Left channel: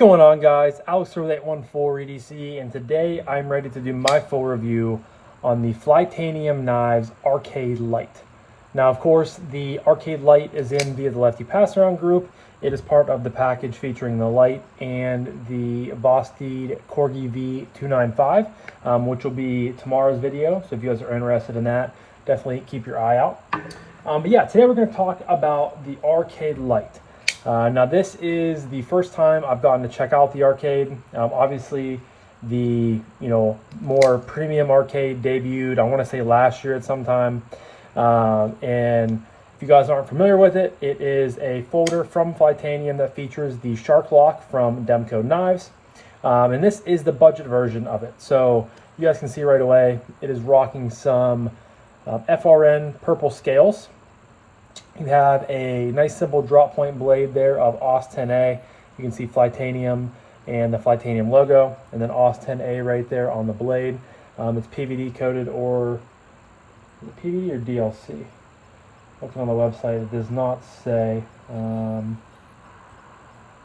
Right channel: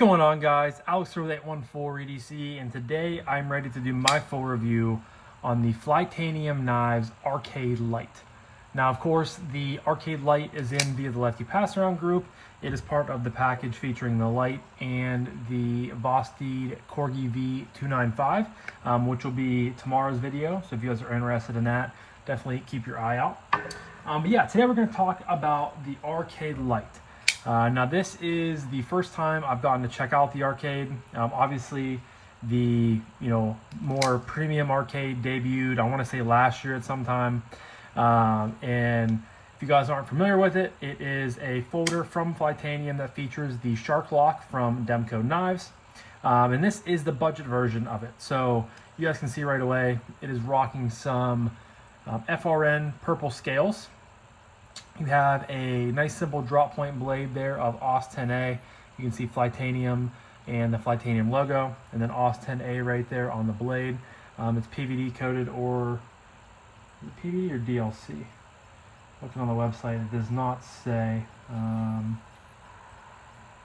going on, guys? Alex with 814 EDC, and today I'm ready to do my full review on the Flytanium Knives Arcade Lite. Now, of course, the Arcade Lite is in via the Lefty passaround group. It is part of the package featuring the Lite and the Bosteed Corgi V295, which will be tomorrow's video. So if you guys are interested in that, definitely keep your eye out. But yeah, today we're going to talk about the Arcade Lite. Now this is the first time I've gotten to check out the arcade. Obviously the more premium arcade debuted, I want to say last year at some time. And if you guys aren't familiar with it, it is a folder from Flytanium that features the Shark Lock from Demco Knives. And this is the budget version of it. So you guys can see right away, it is rocking some FRN purple scales. You have a nice simple drop point blade there of AUS 10A. You can see Flytanium and the Flytanium logo, and then AUS 10A right there on the blade. It's PVD coated, or PVD or DLC. Looking on the website, it does not say.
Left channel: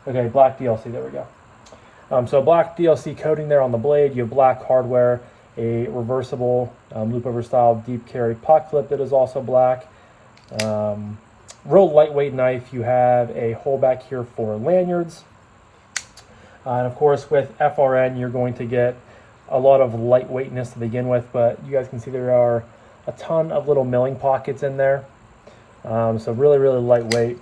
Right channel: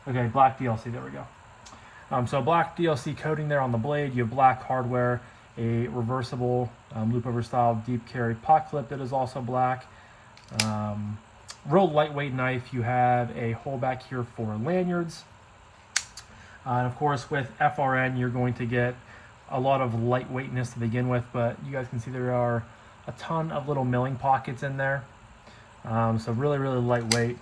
Okay, black DLC, there we go. So black DLC coating there on the blade. You have black hardware, a reversible loop over style deep carry puck clip that is also black. Real lightweight knife. You have a hole back here for lanyards, and of course with FRN you're going to get a lot of lightweightness to begin with, but you guys can see there are a ton of little milling pockets in there, so really lightweight.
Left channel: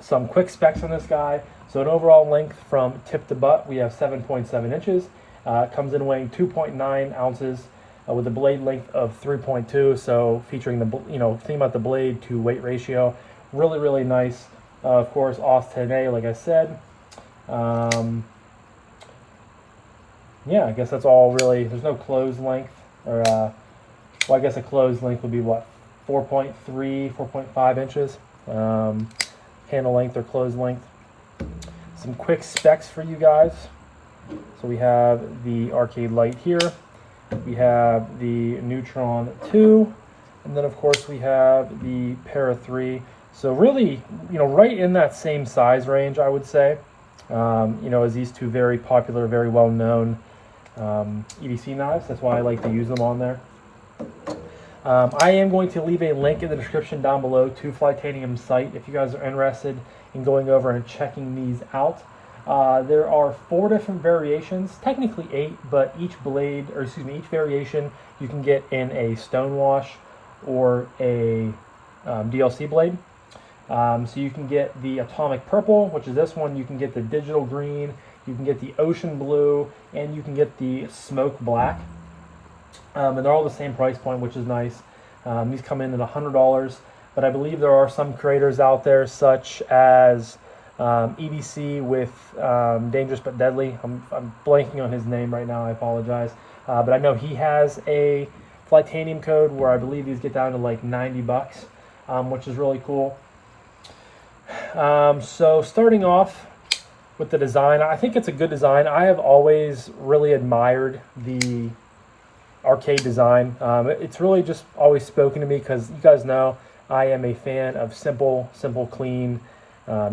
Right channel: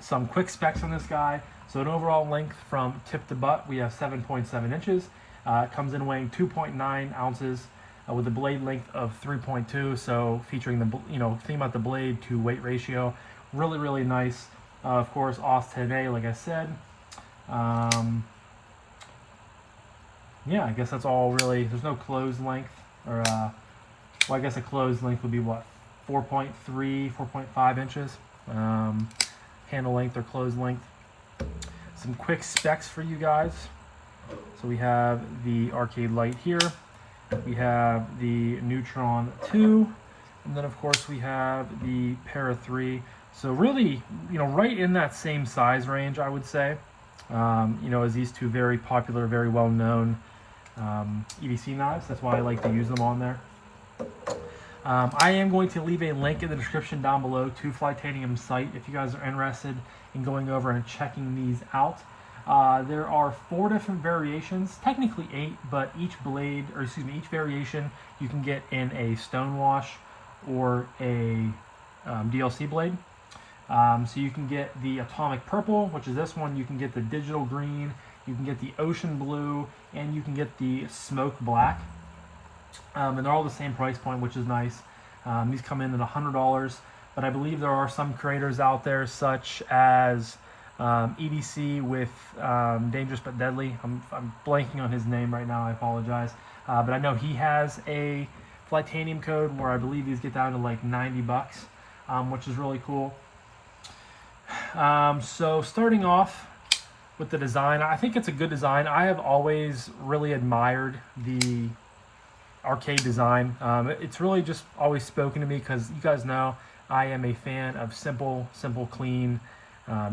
Some quick specs on this guy. So an overall length from tip to butt, we have 7.7 inches. It comes in weighing 2.9 ounces. With a blade length of 3.2, so featuring the, think about the blade to weight ratio, really nice. Of course, AUS 10A, like I said. Yeah, I guess that's all really. There's no closed length, or well, I guess a closed length would be what, 4.3, 4.5 inches. Handle length or closed length. Some quick specs for you guys. So we have the Arcade Lite here. We have the Neutron 2, and then of course we have the Para 3. So really, right in that same size range, I would say, as these two very popular, very well-known EDC knives. That's why I like to use them on there. I am going to leave a link in the description down below to Flytanium's site if you guys are interested in going over and checking these out. There are 4 different variations, technically 8, but each variation you can get in a stonewash or a DLC blade. So you can get the atomic purple, which is this one. You can get the digital green, you can get the ocean blue, and you can get the smoke black. And they're all the same price point, which is nice. These come in at $100, but I believe there are some creators out there, such as EDC with Dangerous But Deadly. I'm blanking on his name right now, I apologize. But I know he has a Flytanium code where I believe these get down to like 90 bucks, which is really cool. So starting off with the design, I think it's a good design. I have always really admired the arcade design. It's really just always spoken to me because you guys know I am a fan of simple, clean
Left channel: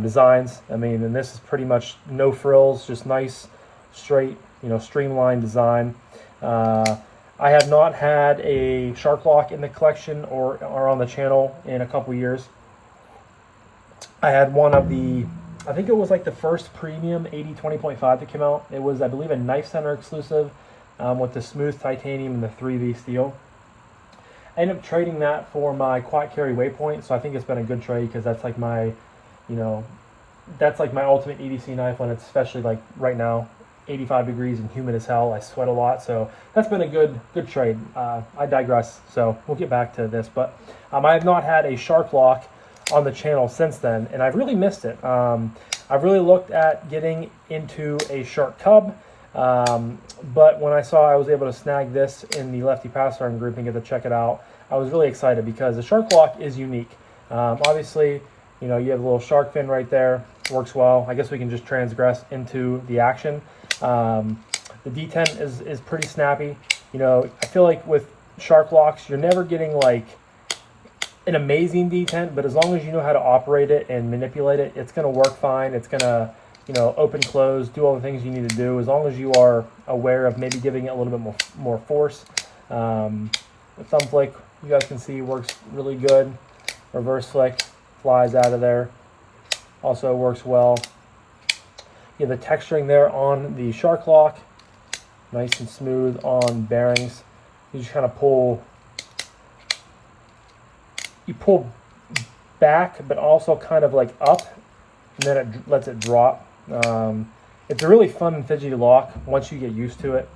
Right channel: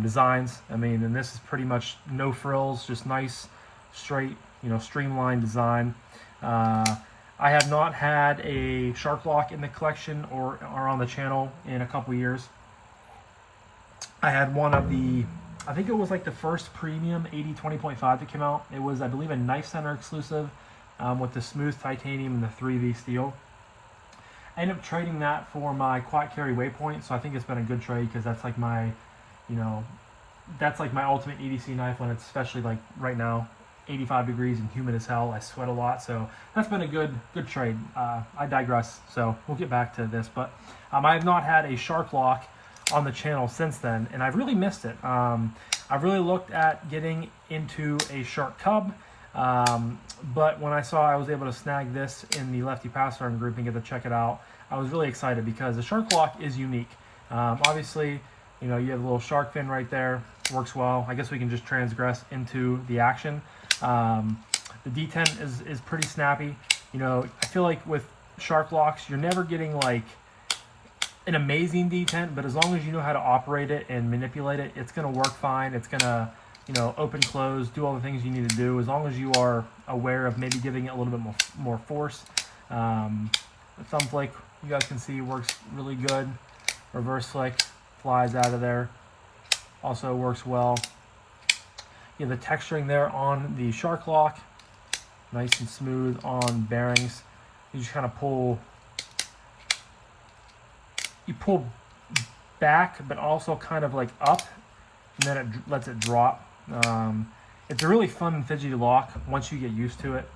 designs. I mean, and this is pretty much no frills, just nice, straight, streamlined design. I have not had a Shark Lock in the collection or on the channel in a couple years. I had one of the, I think it was like the first premium 80-20.5 that came out. It was, I believe, a Knife Center exclusive with the smooth titanium and the 3V steel. I ended up trading that for my quad carry Waypoint, so I think it's been a good trade because that's like my that's like my ultimate EDC knife when it's, especially like right now, 85 degrees and humid as hell. I sweat a lot, so that's been a good trade. I digress, so we'll get back to this. But I have not had a Shark Lock on the channel since then, and I've really missed it. I've really looked at getting into a Shark Cub, but when I saw I was able to snag this in the Lefty passaround group and get to check it out, I was really excited because the Shark Lock is unique. Obviously, you have a little shark fin right there, works well. I guess we can just transgress into the action. The detent is pretty snappy. I feel like with Shark Locks, you're never getting like an amazing detent, but as long as you know how to operate it and manipulate it, it's going to work fine. It's going to open, close, do all the things you need to do, as long as you are aware of maybe giving it a little bit more force. The thumb flick, you guys can see, works really good. Reverse flick flies out of there, also works well. You have the texturing there on the shark lock, nice and smooth on bearings. You just kind of pull back, but also kind of like up, and then it lets it drop. It's a really fun and fidgety lock once you get used to it.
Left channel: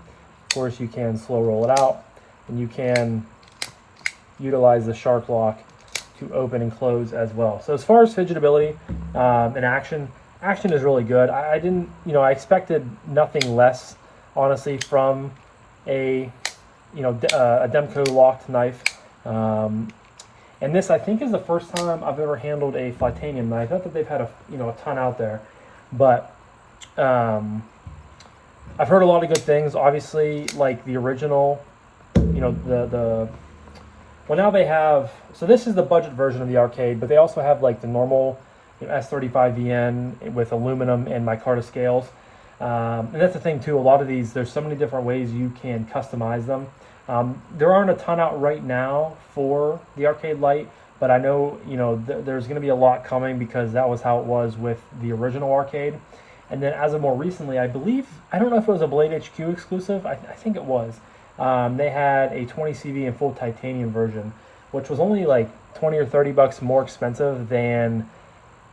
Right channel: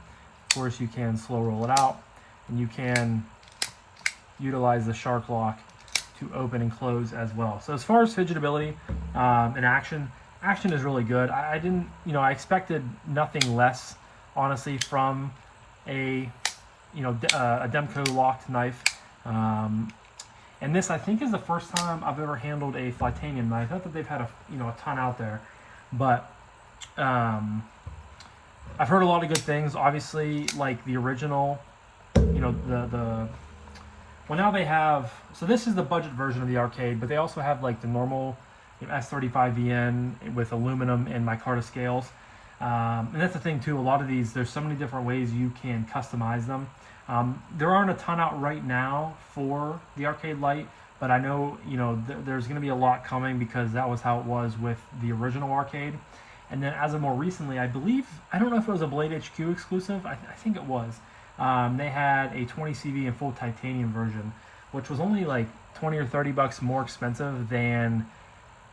Of course, you can slow roll it out, and you can utilize the shark lock to open and close as well. So as far as fidgetability and action is really good. I didn't, I expected nothing less, honestly, from a Demco locked knife. And this, I think, is the first time I've ever handled a Flytanium knife. Not that they've had a ton out there, but I've heard a lot of good things. Obviously, like the original, well, now they have, so this is the budget version of the Arcade, but they also have like the normal S35VN with aluminum and micarta scales. And that's the thing too, a lot of these, there's so many different ways you can customize them. There aren't a ton out right now for the Arcade Lite, but I know, there's going to be a lot coming, because that was how it was with the original Arcade. And then as of more recently, I believe, I don't know if it was a Blade HQ exclusive, I think it was. They had a 20 CV and full titanium version, which was only like 20 or 30 bucks more expensive than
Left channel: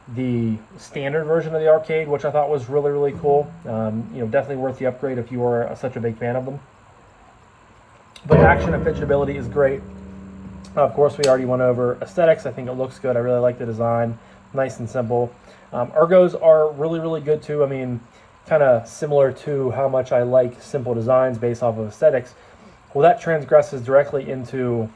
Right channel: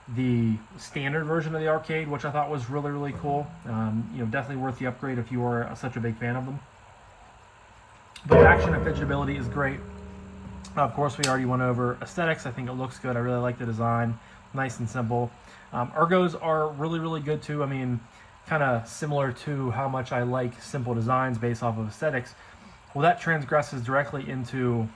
the standard version of the Arcade, which I thought was really, really cool. Definitely worth the upgrade if you are such a big fan of them. But action and fidgetability is great. Of course, we already went over aesthetics. I think it looks good. I really like the design. Nice and simple. Ergos are really, really good too. I mean, kind of similar to how much I like simple designs based off of aesthetics. Well, that transgresses directly into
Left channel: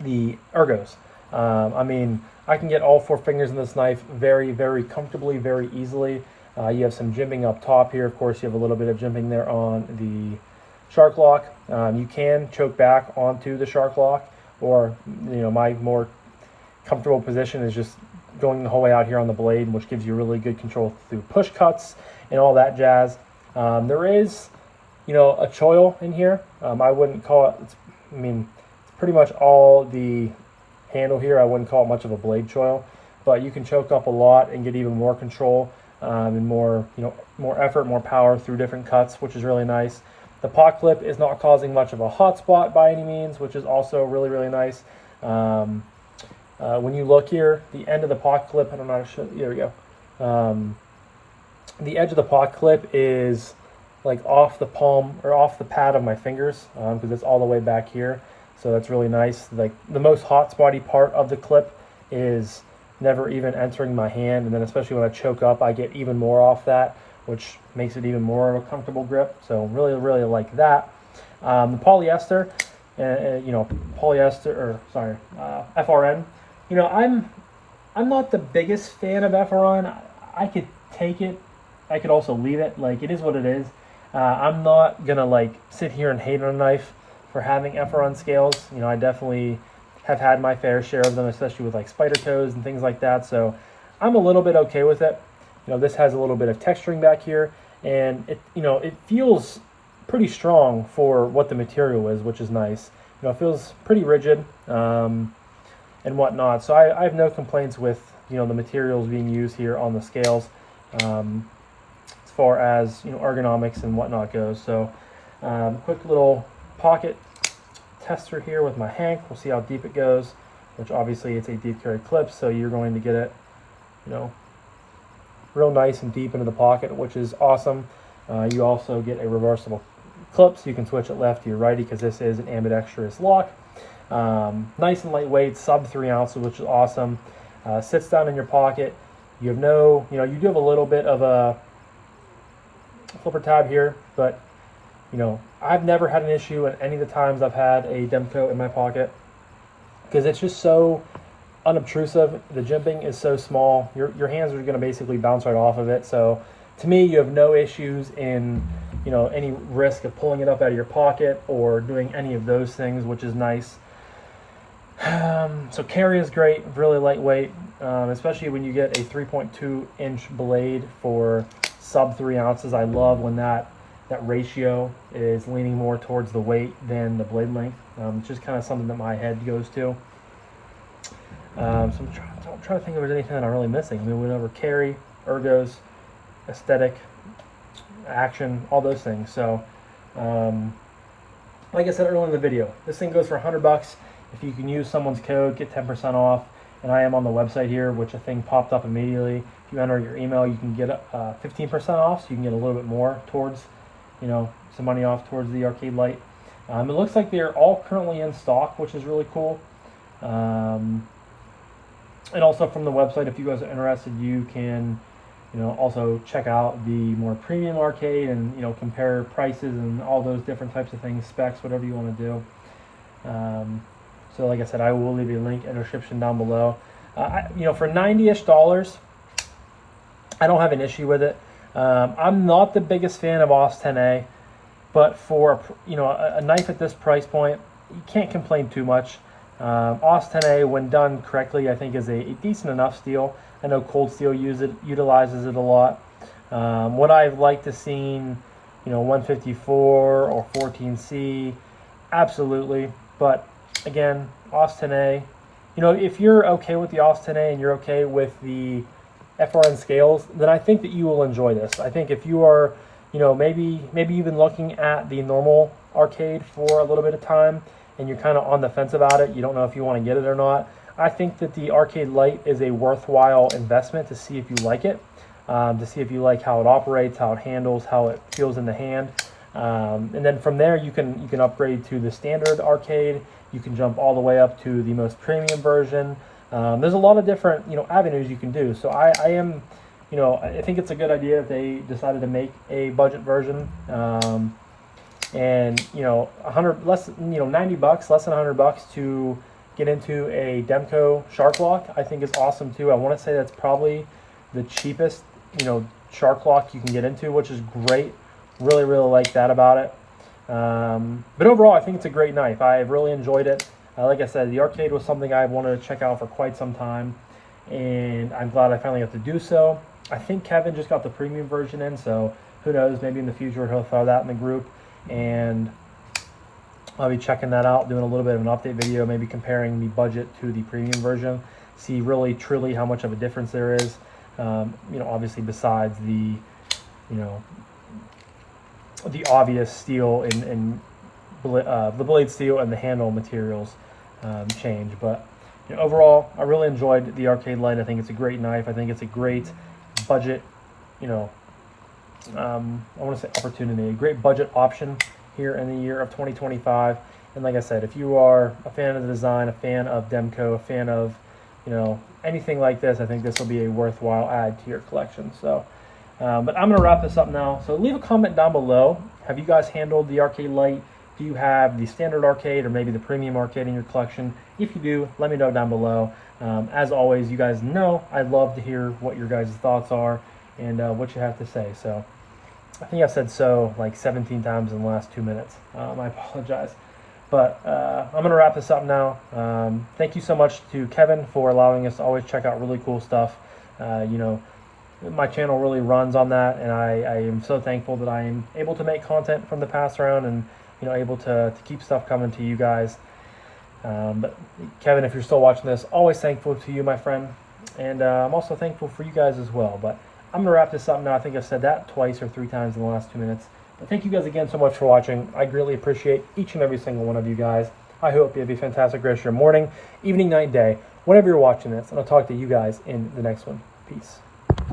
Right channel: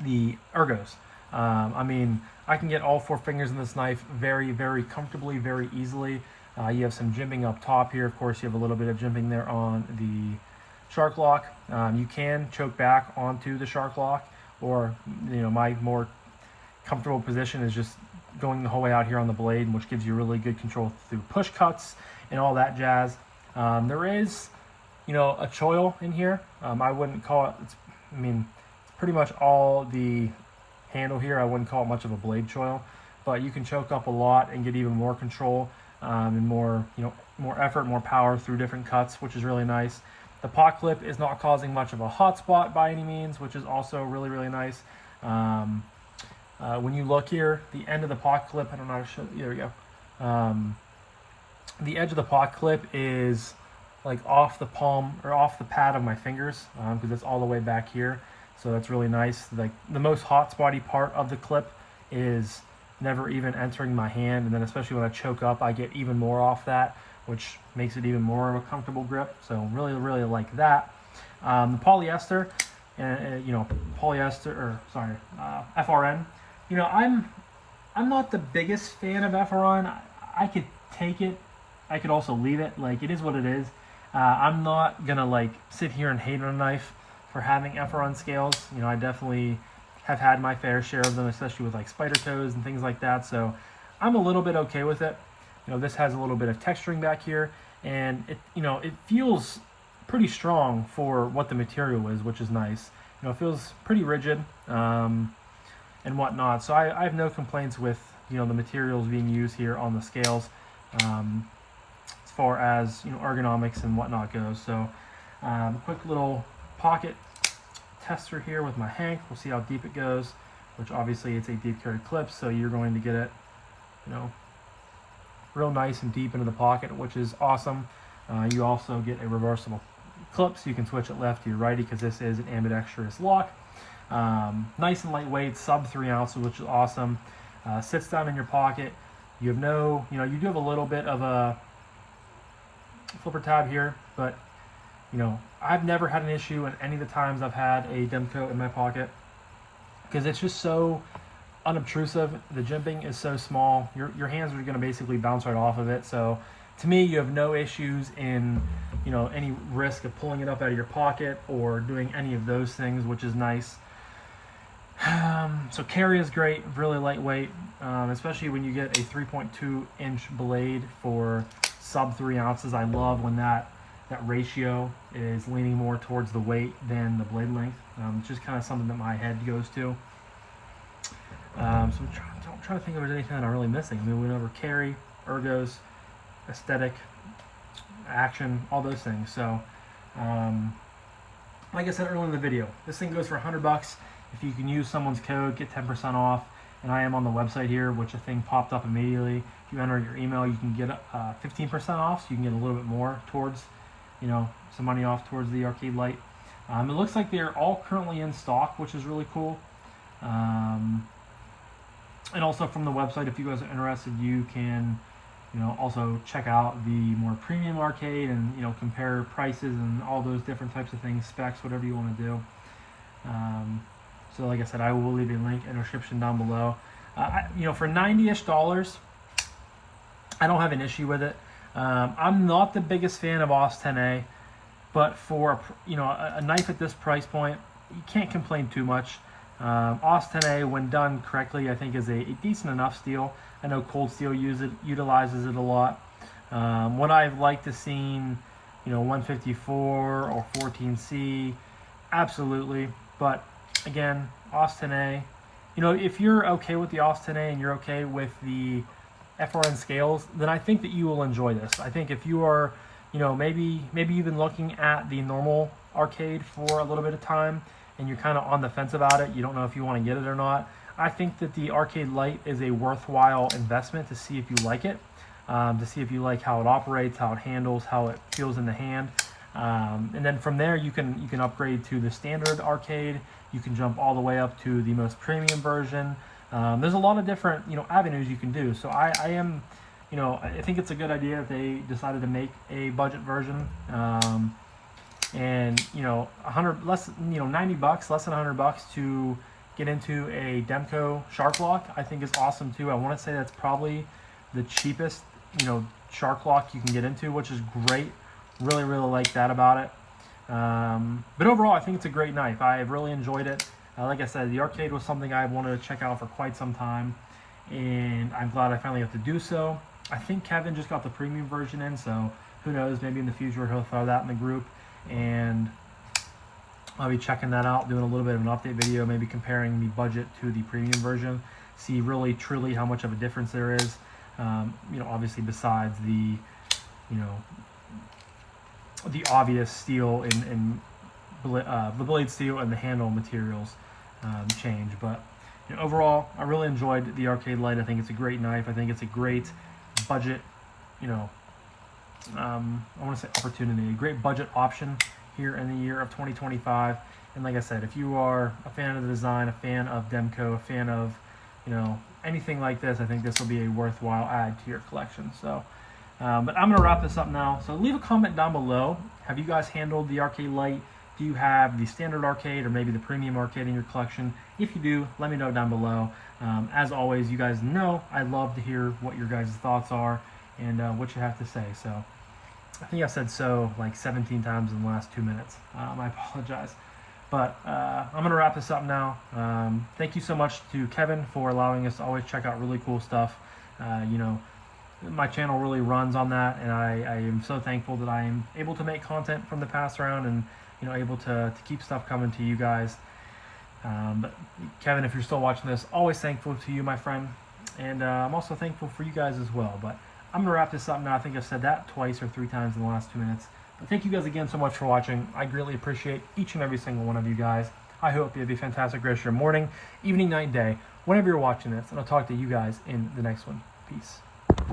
the ergos. I mean, I can get all 4 fingers in this knife very, very comfortably, very easily. You have some jimping up top here. Of course, you have a little bit of jimping there on the shark lock. You can choke back onto the shark lock, or my more comfortable position is just going the whole way out here on the blade, which gives you really good control through push cuts and all that jazz. There is, a choil in here. I wouldn't call it, it's pretty much all the handle here. I wouldn't call it much of a blade choil, but you can choke up a lot and get even more control and more, more effort, more power through different cuts, which is really nice. The pot clip is not causing much of a hot spot by any means, which is also really, really nice. When you look here, the end of the pot clip, and I'm not sure, here we go. The edge of the pot clip is like off the palm, or off the pad of my fingers, because it's all the way back here. So that's really nice. Like the most hot spotty part of the clip is never even entering my hand. And then especially when I choke up, I get even more off that, which makes it even more of a comfortable grip. So really, really like that. The polyester, FRN. I'm not the biggest fan of FRN. I could take it. I could also leave it. Like, it is what it is. I'm not gonna like sit here and hate on a knife for having FRN scales. I definitely have had my fair share of them, especially with like spider toes and things like that. So I'm a little bit okay with it. This has a little bit of texturing back here, and it feels pretty strong for what the material is, which is nice. It feels pretty rigid and whatnot. So I have no complaints with the materials being used here on the scales as far as ergonomics and whatnot goes. So quick little pocket tester here with my Hank. We'll see how deep it goes, which obviously it's a deep carry clip, so you're going to get it real nice and deep into the pocket, which is awesome. You also get a reversible clip, so you can switch it lefty or righty, because this is an ambidextrous lock. Nice and lightweight, sub 3 ounces, which is awesome. Sits down in your pocket. You have no, you do have a little bit of a flipper tab here, but I've never had an issue in any of the times I've had a Demco in my pocket, because it's just so unobtrusive. The jimping is so small. Your hands are going to basically bounce right off of it. So to me, you have no issues in any risk of pulling it up out of your pocket or doing any of those things, which is nice. So carry is great, really lightweight. especially when you get a 3.2 inch blade for sub 3 ounces. I love when that ratio is leaning more towards the weight than the blade length. It's just kind of something that my head goes to. So I'm trying to think if there's anything that I'm really missing. I mean, we went over carry, ergos, aesthetic, action, all those things. So like I said earlier in the video, this thing goes for $100. If you can use someone's code, get 10% off. And I am on the website here, which a thing popped up immediately. If you enter your email, you can get 15% off, so you can get a little bit more towards, you know, some money off towards the Arcade Lite. It looks like they're all currently in stock, which is really cool. And also from the website, if you guys are interested, you can, you know, also check out the more premium arcade and, you know, compare prices and all those different types of things, specs, whatever you want to do. So like I said, I will leave a link in the description down below. You know, for $90-ish, I don't have an issue with it. I'm not the biggest fan of OS 10A, but for, you know, a knife at this price point, you can't complain too much. OS 10A, when done correctly, I think is a decent enough steel. I know Cold Steel utilizes it a lot. What I've liked to seen, you know, 154 or 14C, absolutely. But again, OS 10A, you know, if you're okay with the OS 10A and you're okay with the FRN scales, then I think that you will enjoy this. I think if you are, you know, maybe you've been looking at the normal arcade for a little bit of time and you're kind of on the fence about it, you don't know if you want to get it or not, I think that the Arcade Lite is a worthwhile investment to see if you like it, to see if you like how it operates, how it handles, how it feels in the hand. And then from there, you can upgrade to the standard arcade. You can jump all the way up to the most premium version. There's a lot of different, you know, avenues you can do. So I am, you know, I think it's a good idea if they decided to make a budget version. And you know, $90, less than $100 to get into a Demco Shark Lock, I think is awesome too. I want to say that's probably the cheapest, you know, Shark Lock you can get into, which is great. Really like that about it. But overall, I think it's a great knife. I've really enjoyed it. Like I said, the arcade was something I wanted to check out for quite some time, and I'm glad I finally got to do so. I think Kevin just got the premium version in, so who knows, maybe in the future he'll throw that in the group, and I'll be checking that out, doing a little bit of an update video, maybe comparing the budget to the premium version, see really truly how much of a difference there is. You know, obviously besides the, you know, the obvious steel and the blade steel and the handle materials change. But you know, overall, I really enjoyed the Arcade Lite. I think it's a great knife. I think it's a great budget, you know, I want to say opportunity, a great budget option here in the year of 2025. And like I said, if you are a fan of the design, a fan of Demco, a fan of, you know, anything like this, I think this will be a worthwhile add to your collection. So but I'm going to wrap this up now. So leave a comment down below. Have you guys handled the Arcade Lite? Do you have the standard arcade or maybe the premium arcade in your collection? If you do, let me know down below. As always, you guys know I'd love to hear what your guys' thoughts are and what you have to say. So I think I've said so like 17 times in the last 2 minutes. I apologize. But I'm going to wrap this up now. Thank you so much to Kevin for allowing us to always check out really cool stuff. You know, my channel really runs on that, and I am so thankful that I am able to make content from the pass around and, you know, able to keep stuff coming to you guys. But Kevin, if you're still watching this, always thankful to you, my friend. And I'm also thankful for you guys as well. But I'm going to wrap this up now. I think I've said that twice or 3 times in the last 2 minutes. But thank you guys again so much for watching. I greatly appreciate each and every single one of you guys. I hope you have a fantastic rest of your morning, evening, night, day, whenever you're watching this. And I'll talk to you guys in the next one. Peace.